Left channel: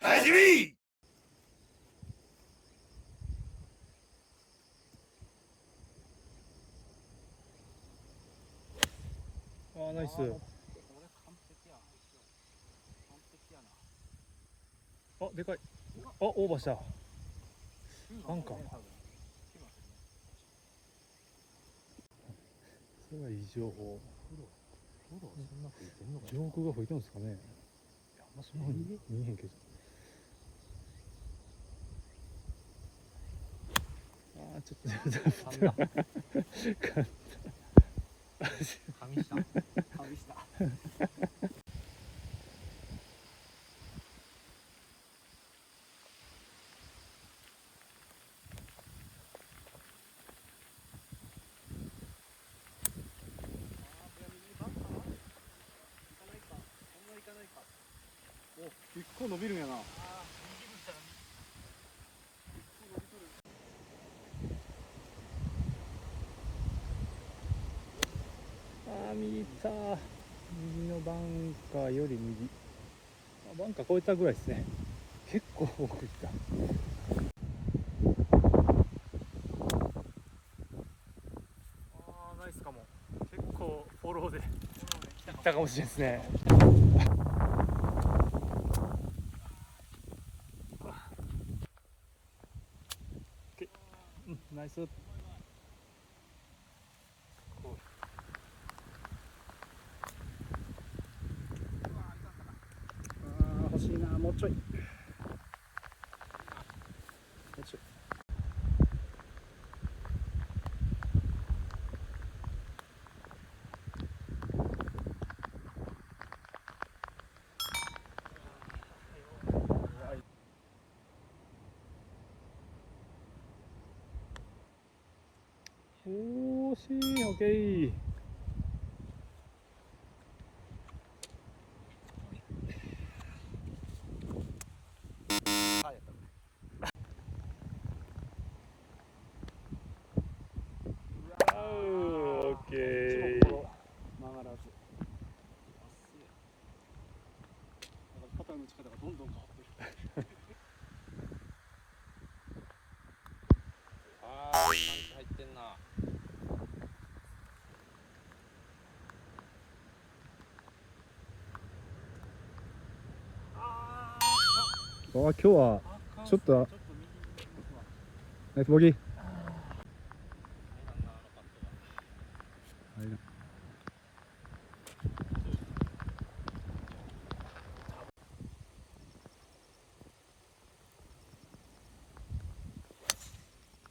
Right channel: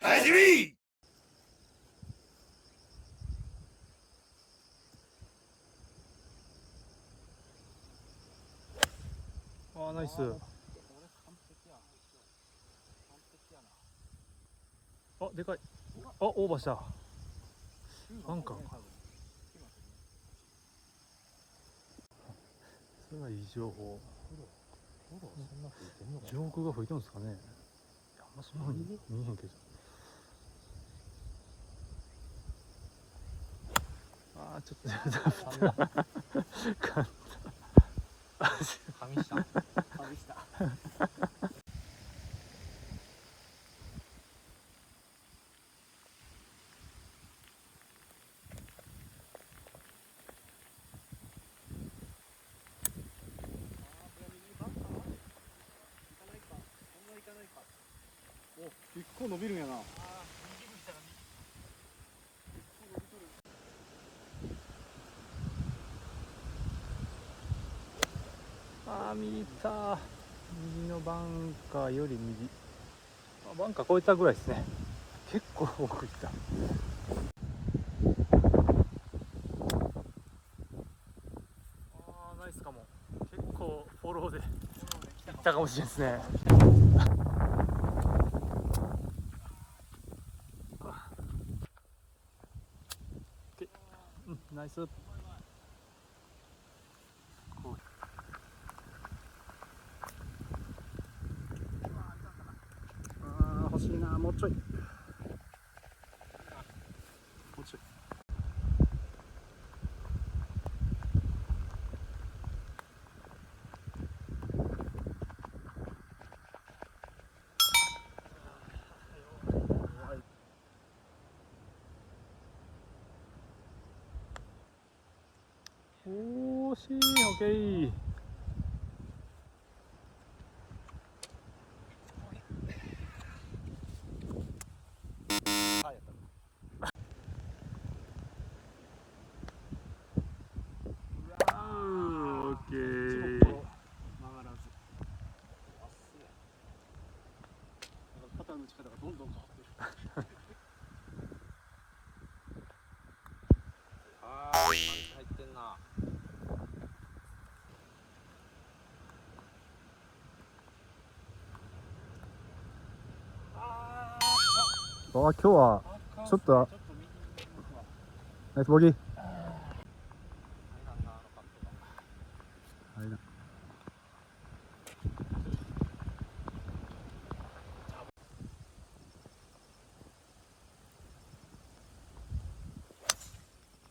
走り。ああ、ナイス。あ、でかい。あ、オーバーした。バンカーか。それはいい情報。上空が吹いてるんですかね。あんまし見えへんけど。ああ、ちょっと神下。神下。お、結構伸びるんやな。ああ、右行った。右のバンカーより右。あ、バンカー越えたぐらいですね。結構奥行った。ああ、ナイスかも。結構フォローで行ったかもしれないですね。うん、ナイス。ああ、欲しいな、もうちょい。もうちょい。惜しい。オッケー。オッケー。曲がらず。あっすげえ。肩の力がどんどん変わってる。ああ、入ってんな。今日はちょっとナイスボギー。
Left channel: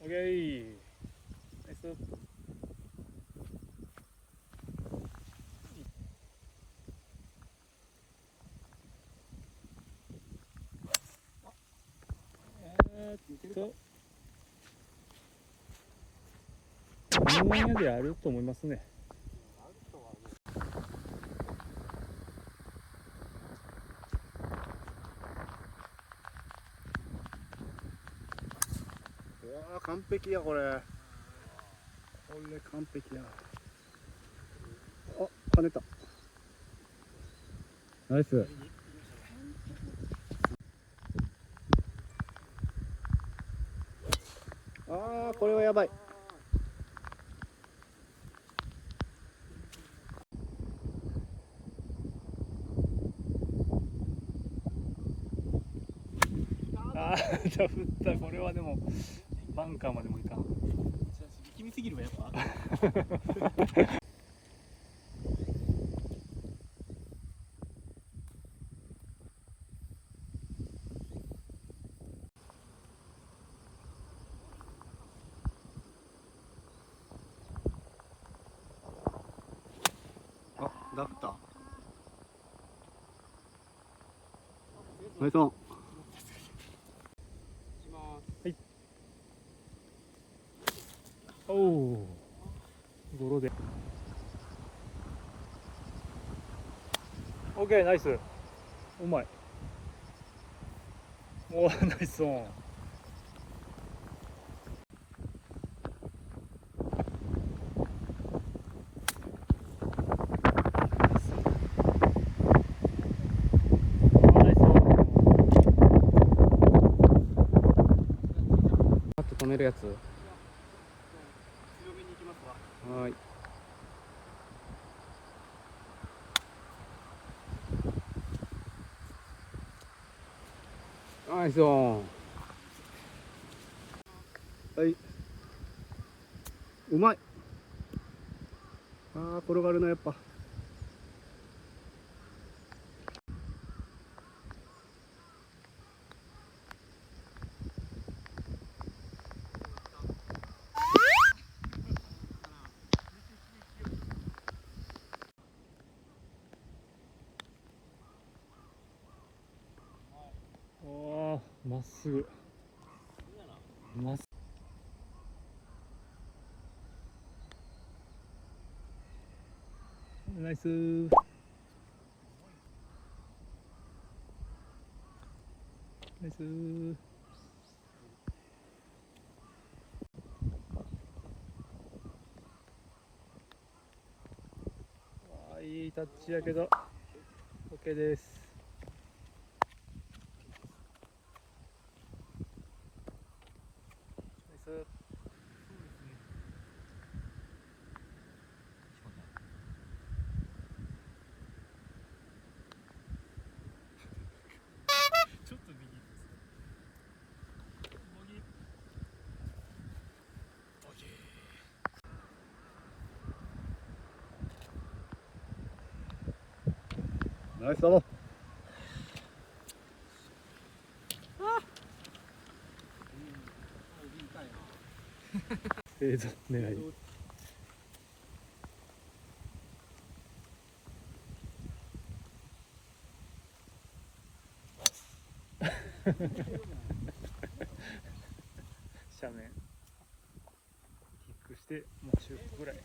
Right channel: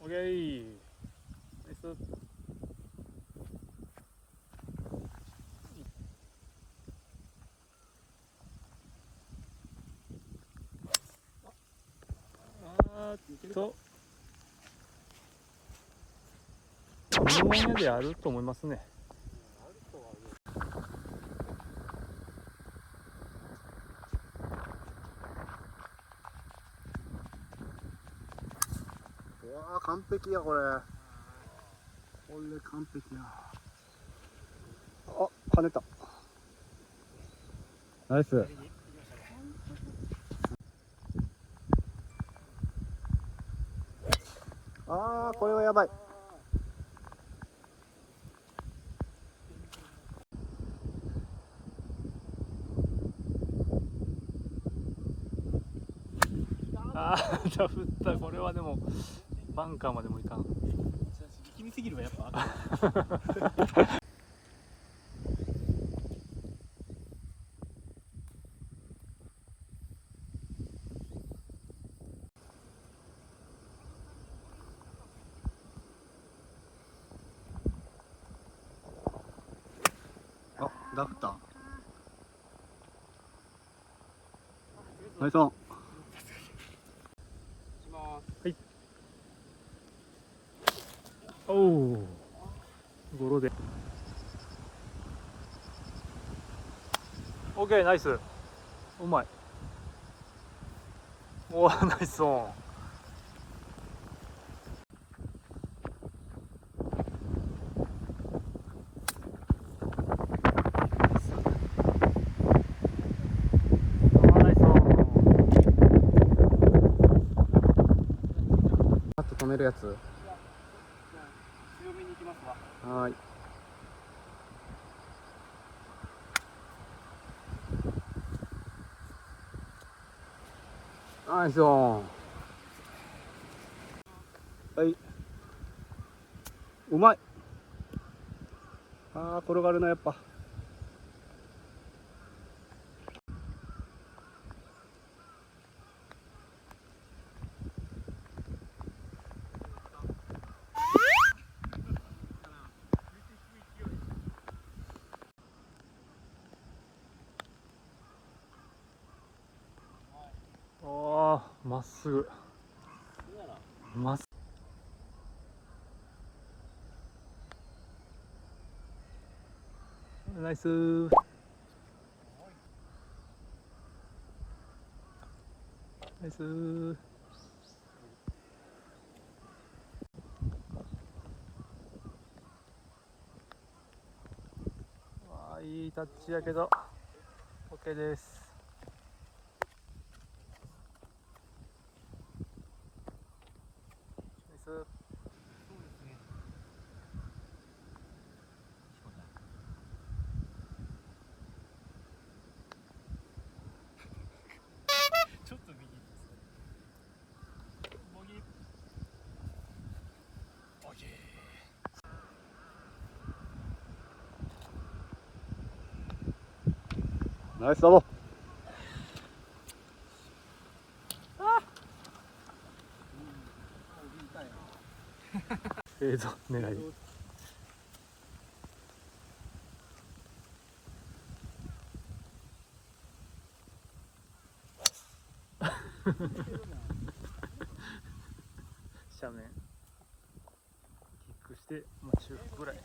オッケー。ナイス。日本屋であると思いますね。うわあ、完璧やこれ。これ完璧や。あ、跳ねた。ナイス。ああ、これはやばい。ああ、じゃあ振った。これはでもバンカーまでもいかん。力みすぎるわやっぱ。あ、ダフった。ナイスオン。はい。おお。ゴロで。オッケー、ナイス。うまい。おー、ナイスオン。あと止めるやつ。強めに行きますわ。はい。ナイスオン。はい。うまい。ああ、転がるな、やっぱ。ああ、まっすぐ。まっすぐ。ナイスー。ナイスー。あー、いいタッチやけど OK です。ナイス。そうですね。ちょっと右です。ボギー。オッケナイスだもん。ー。フェード狙い。斜面キックして、まあ、中腹ぐらい。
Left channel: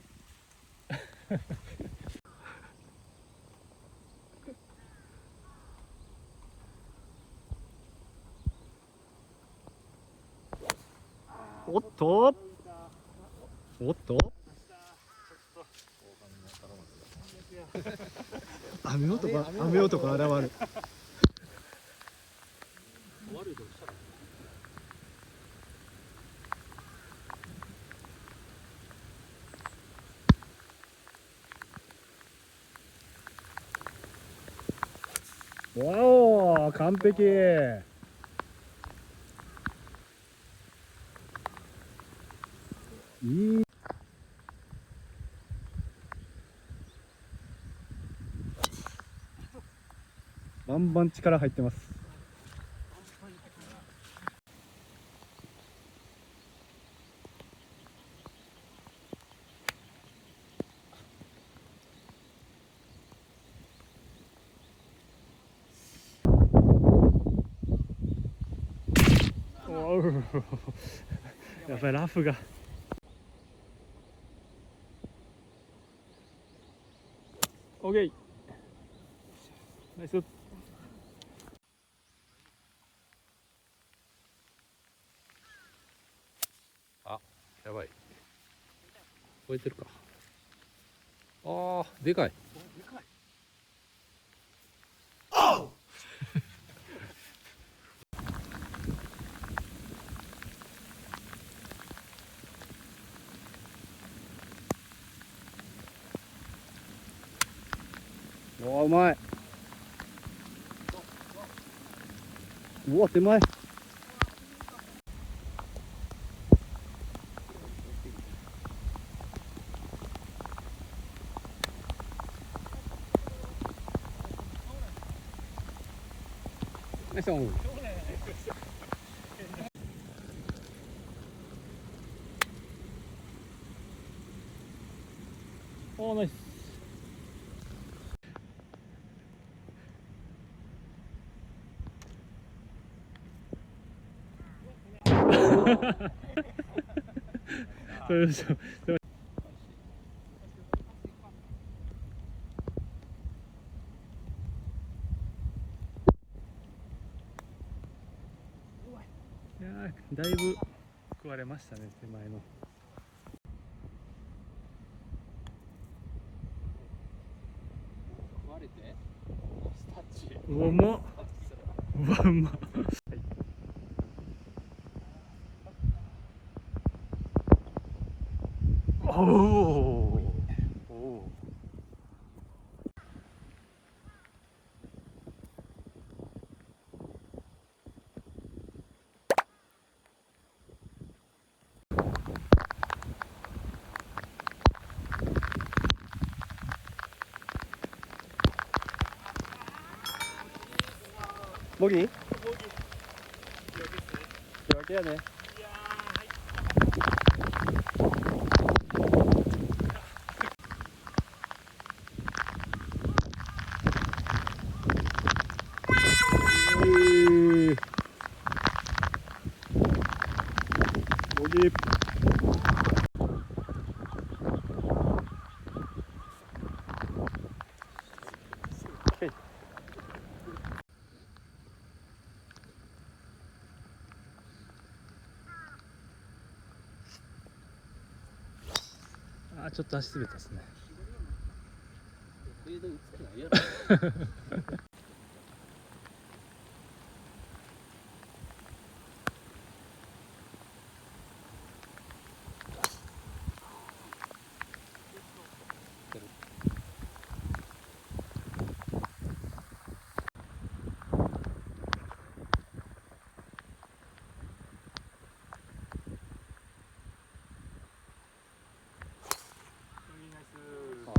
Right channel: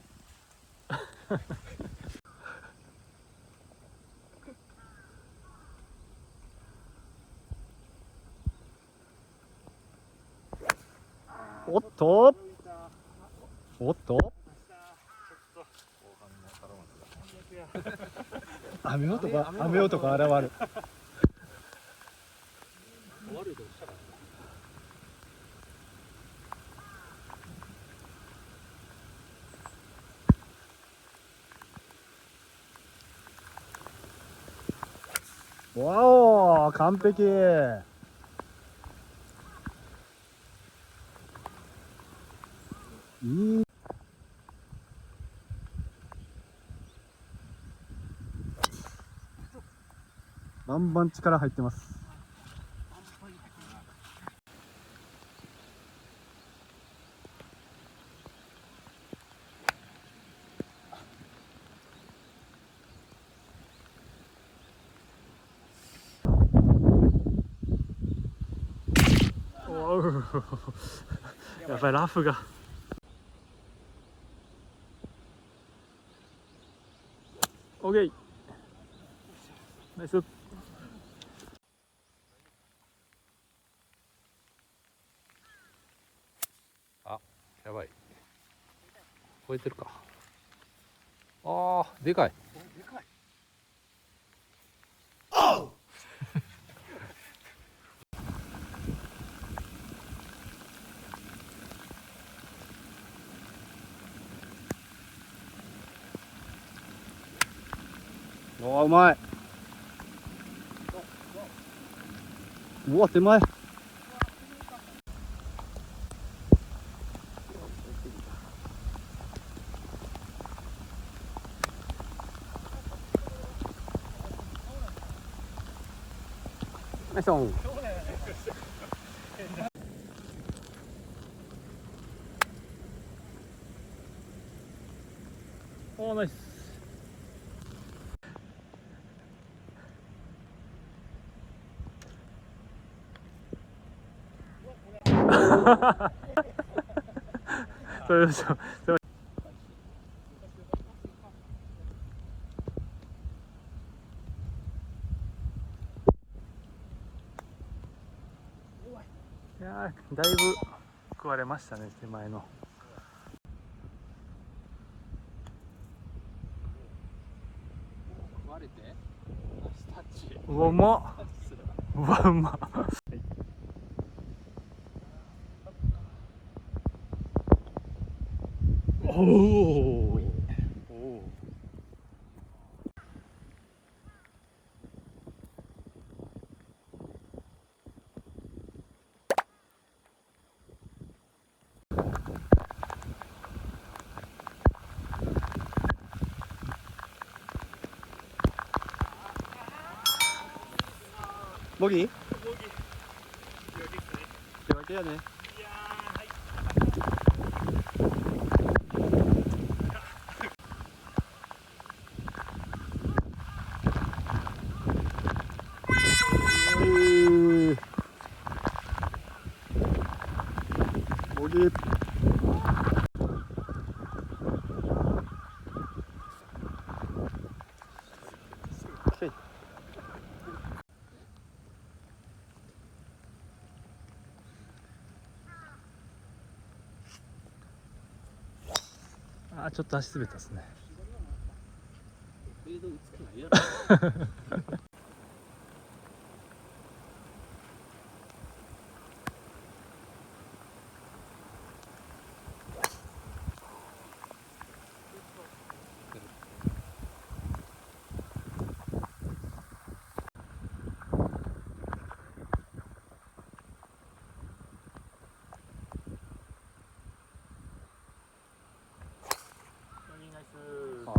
おっと。おっと。雨男現る。わお、完璧。いい。バンバン力入ってます。やっぱりラフが。オッケー。ナイス。あ、やばい。超えてるか。ああ、でかい。おー、うまい。うわ、手前。ナイスオン。おー、ナイス。それでしょ。いやーだいぶ食われましたね、手前の。割れてタッチうわうまっ、うわうまっ。おおおお。ボギー？手分けやね。ボギー。あーちょっと足滑ったですね。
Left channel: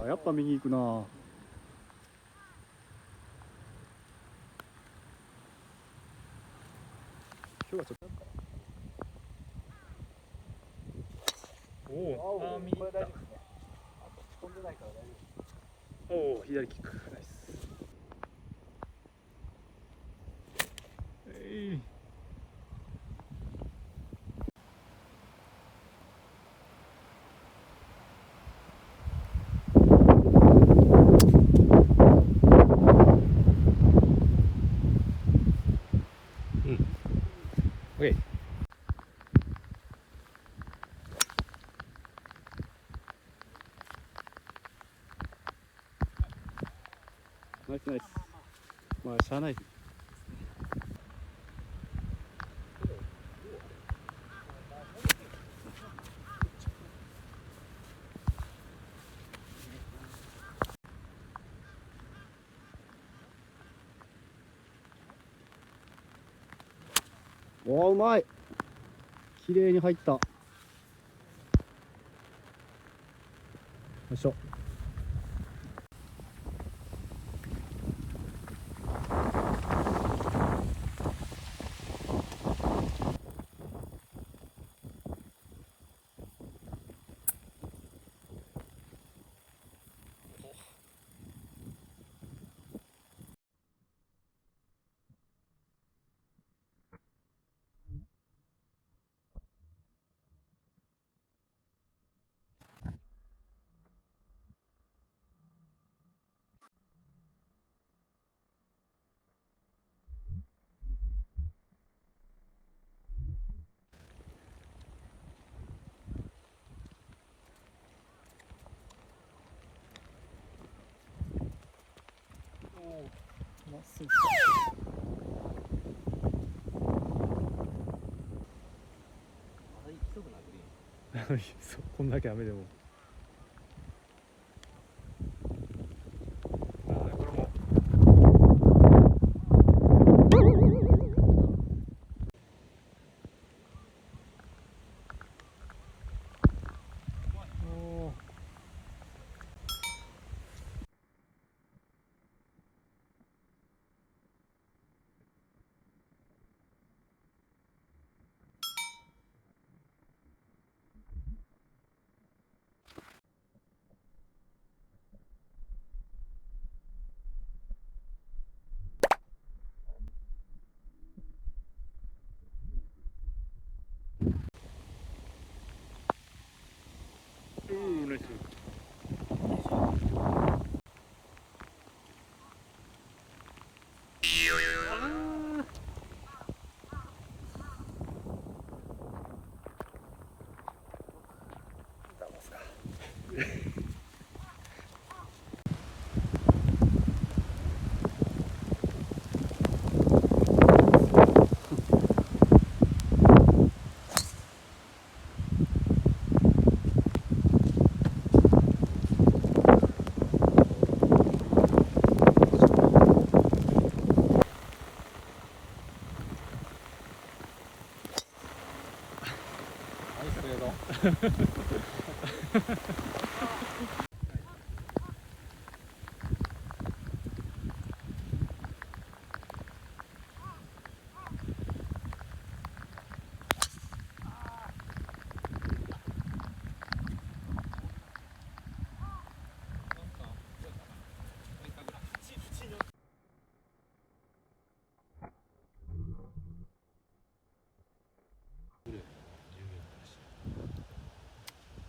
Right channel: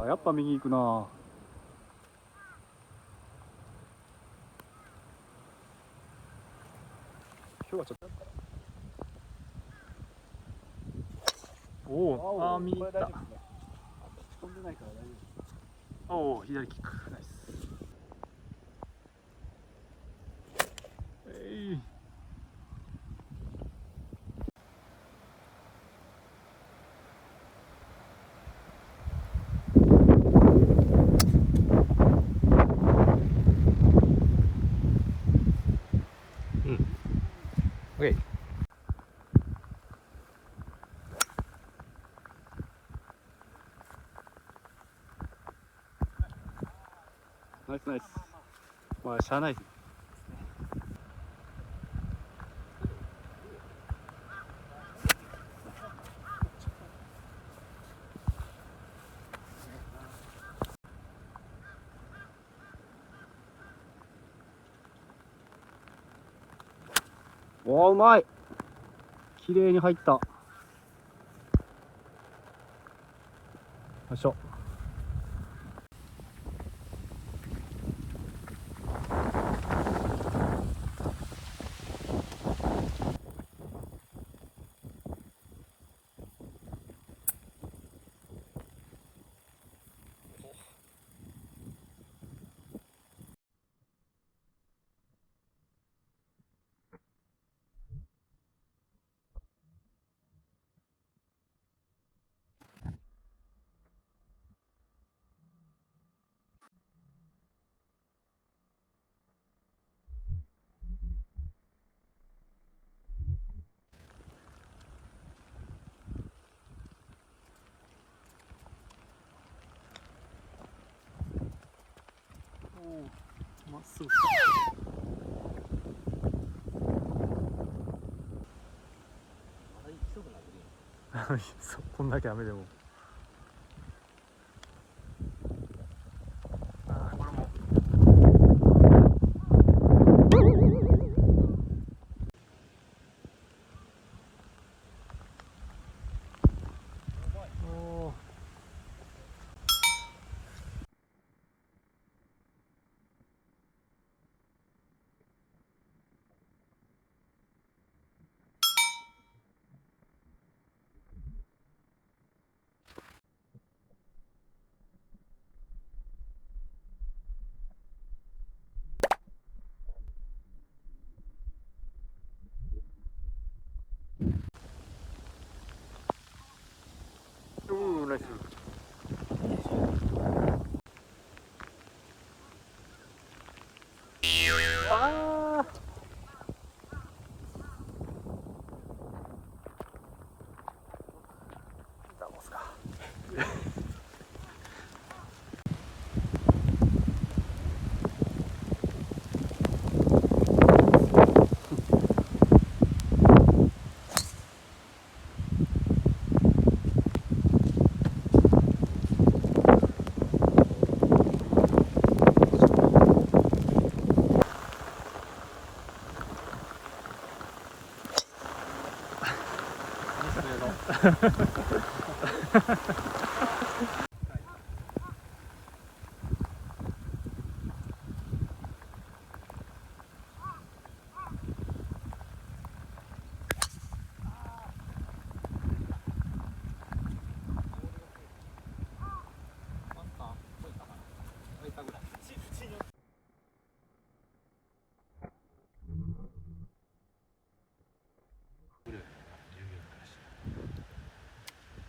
あ、やっぱ右行くな。今日はちょっと。おお、あー右行った。おお、左キックナイス。オッケー。ナイスナイス。まあしゃあない。おー、うまい。綺麗に入った。よいしょ。まっすぐ。そうこんだけ雨でも。あーこれも。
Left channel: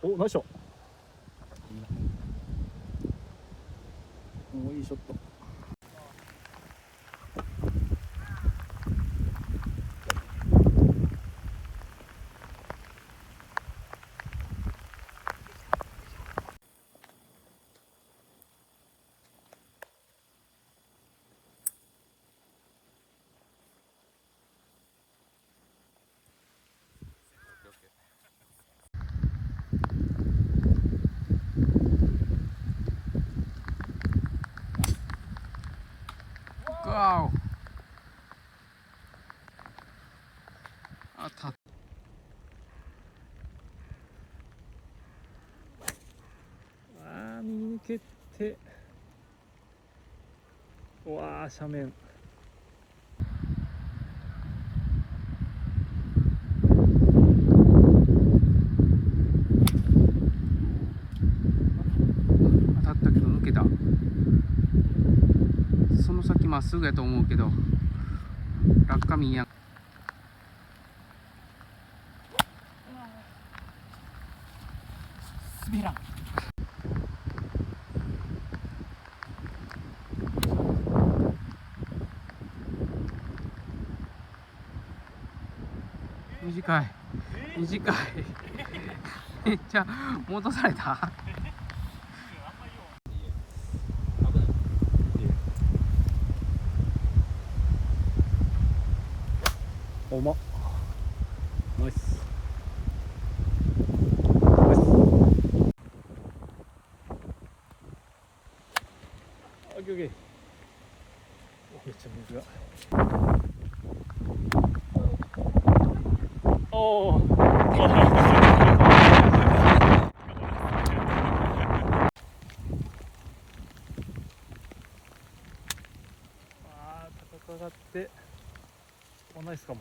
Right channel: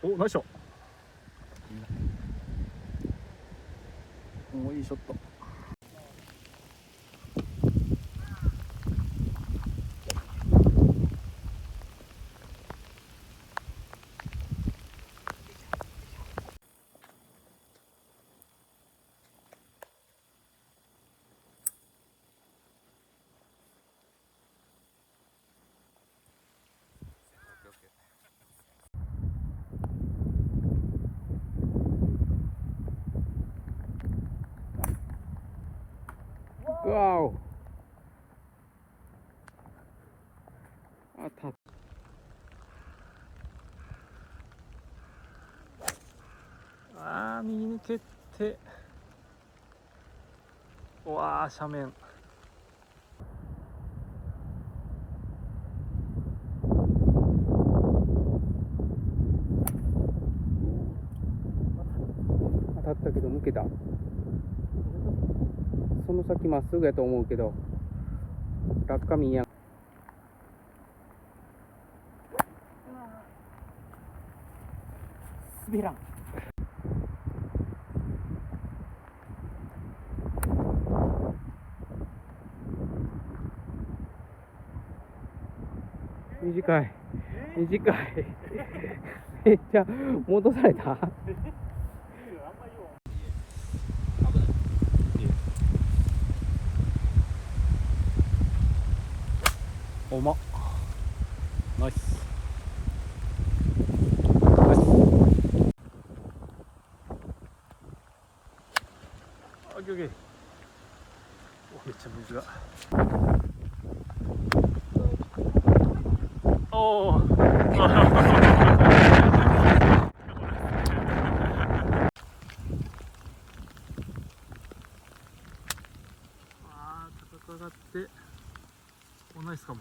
お、ナイスショット。お、いいショット。わお。あた。ああ、右抜けて。うわあ、斜面。当たったけど抜けた。その先まっすぐやと思うけど落下見やん。滑らん。短い短いめっちゃ戻された。おま。ナイス。オッケーオッケー。めっちゃ水が。おお。高く上がっておナイスかも。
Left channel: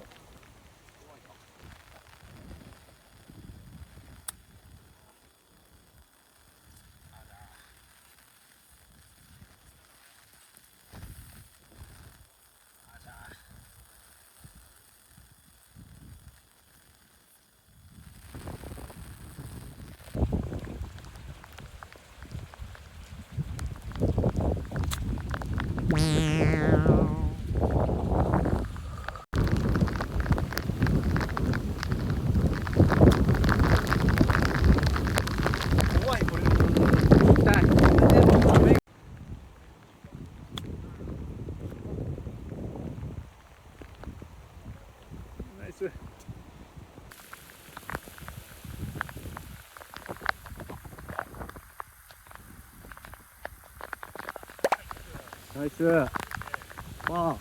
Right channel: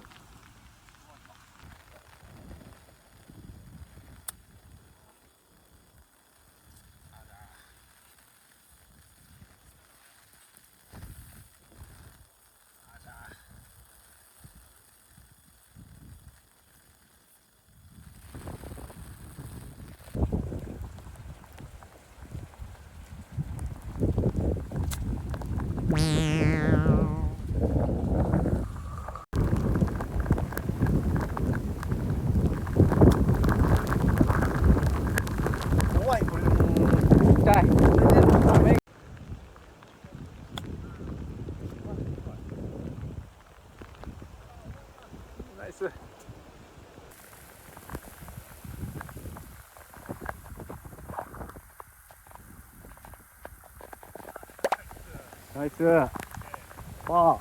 怖いこれ。痛い。ナイス。ナイス。パー。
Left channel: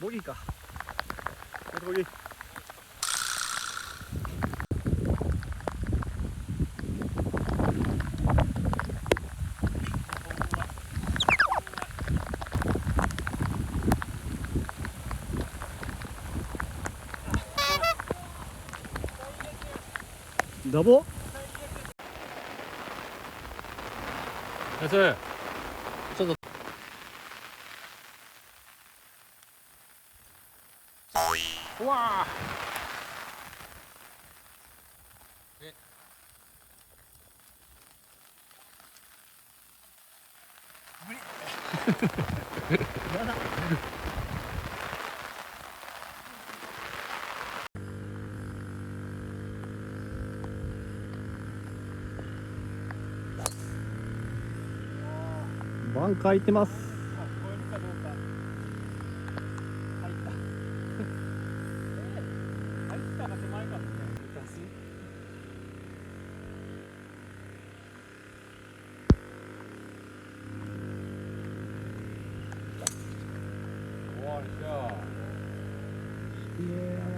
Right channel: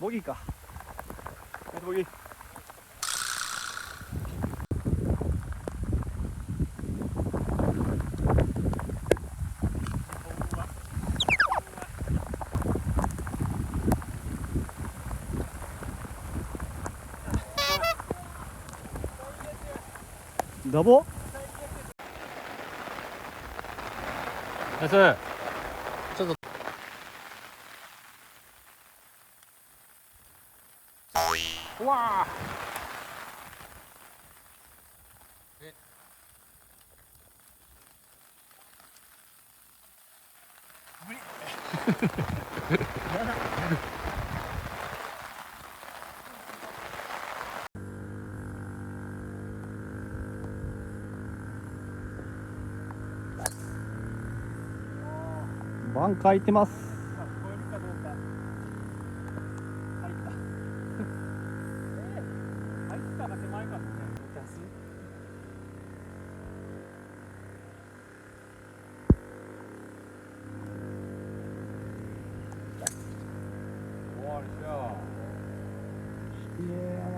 ボギーか。ボギー。ダボ。ナイス。うわバン開いてます。終わりじゃあ。綺麗やな。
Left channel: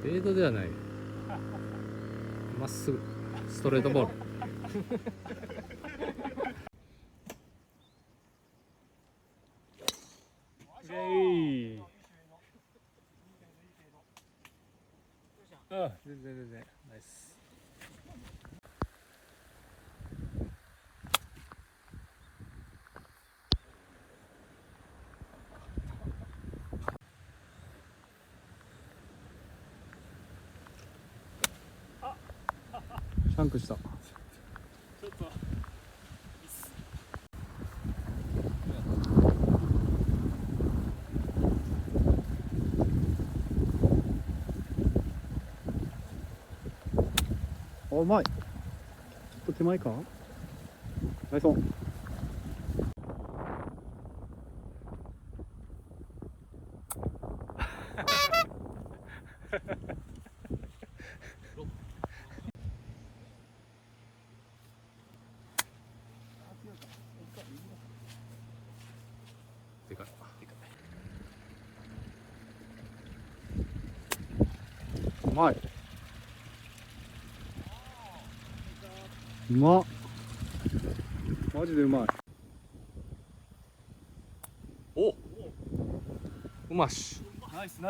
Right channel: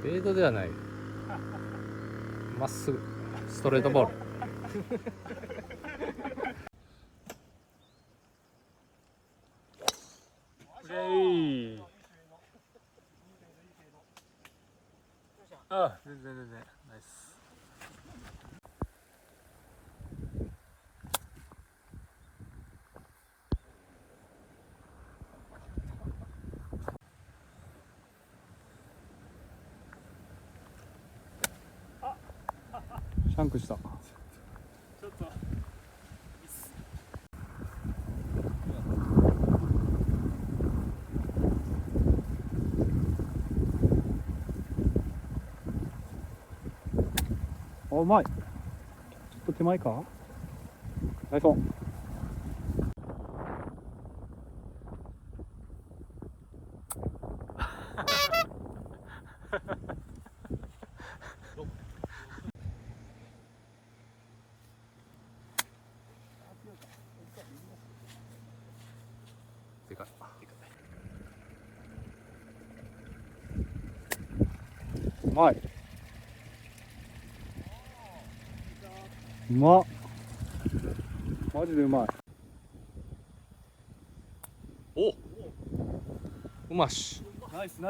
フェードではない。まっすぐストレートボール。プレイ。あ、全然ナイス。シャンクした。ちょっとお、うまい。ちょっと手前か。ナイスオン。でかい。うまい。うまっ。マジでうまい。お、うまし。ナイス。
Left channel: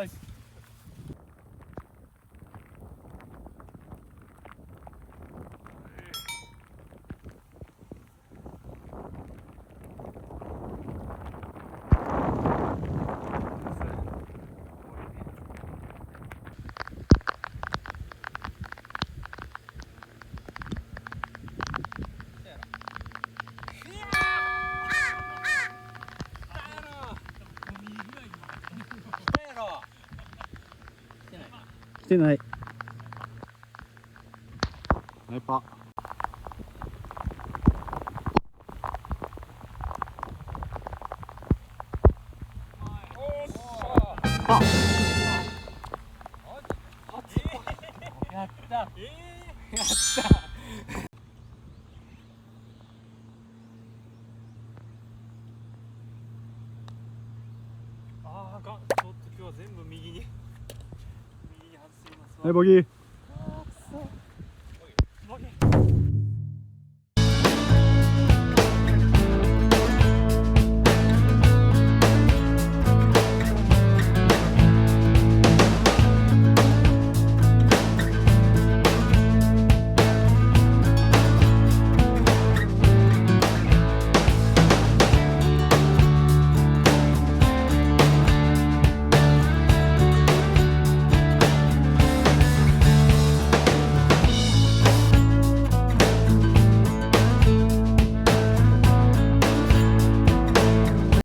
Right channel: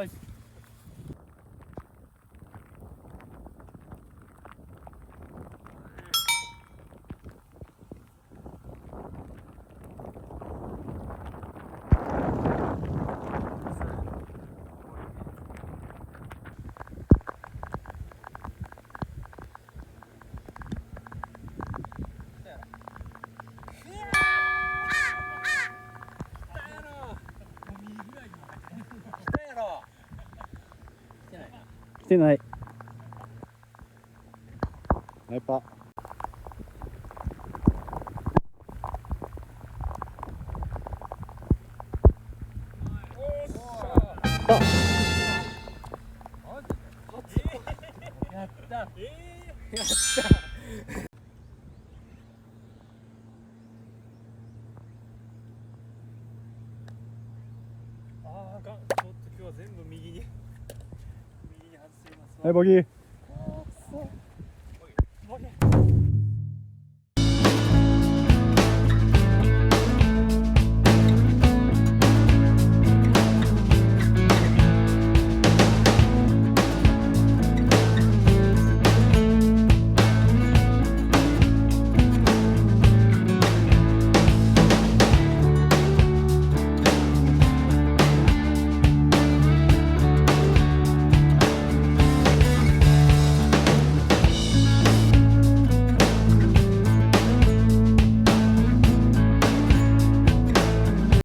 来てない。ナイパー。やったやったあーあかん。ちょっと今日は全部右に外していますわ。はい、ボギー。